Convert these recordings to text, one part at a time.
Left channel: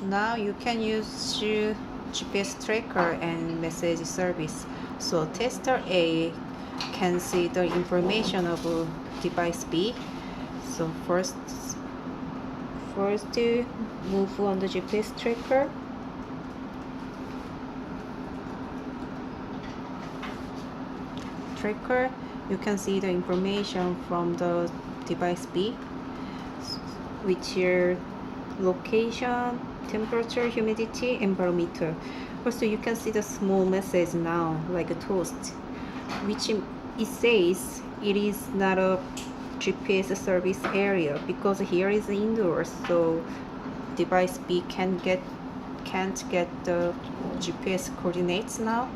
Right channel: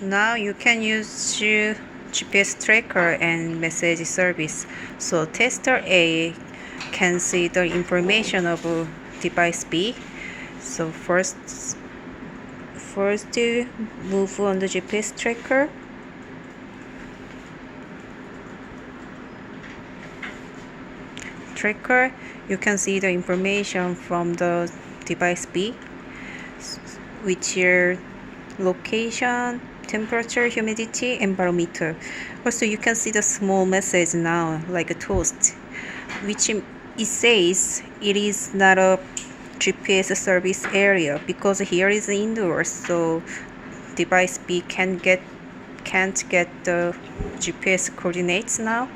Now you can use GPS tracker and message service. So tester A can see the information of device B. So first move on the GPS tracker. You can see the information from the device B, which is location, temperature, humidity, and barometer. Also, you can see the small message now, like a toast, which it says it is not a GPS service area because here is indoors, so device B can't get the GPS coordinates now.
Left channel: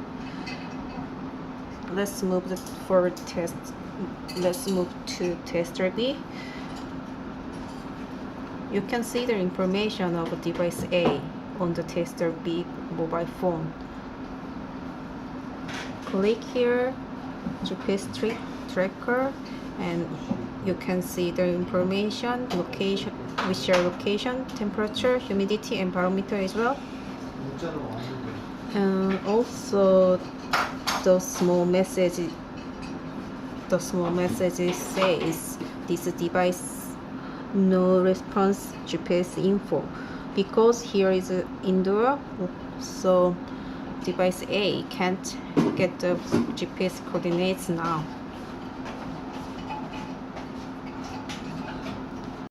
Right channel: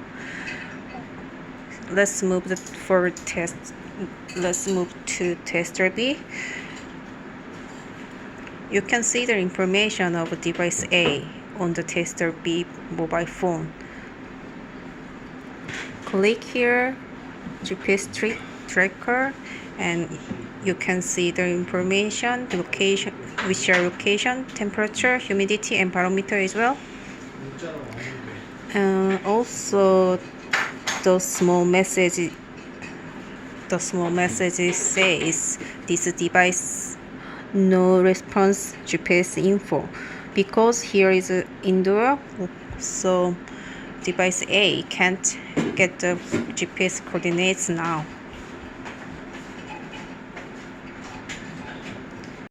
Let's move to tester B. You can see the information of device A on the tester B mobile phone. Click here, GPS tracker, and you can see the information, location, which are location, temperature, humidity, and barometer as well. Also, the small message says this device no response GPS info because here is indoor, so device A can't get the GPS coordinates now.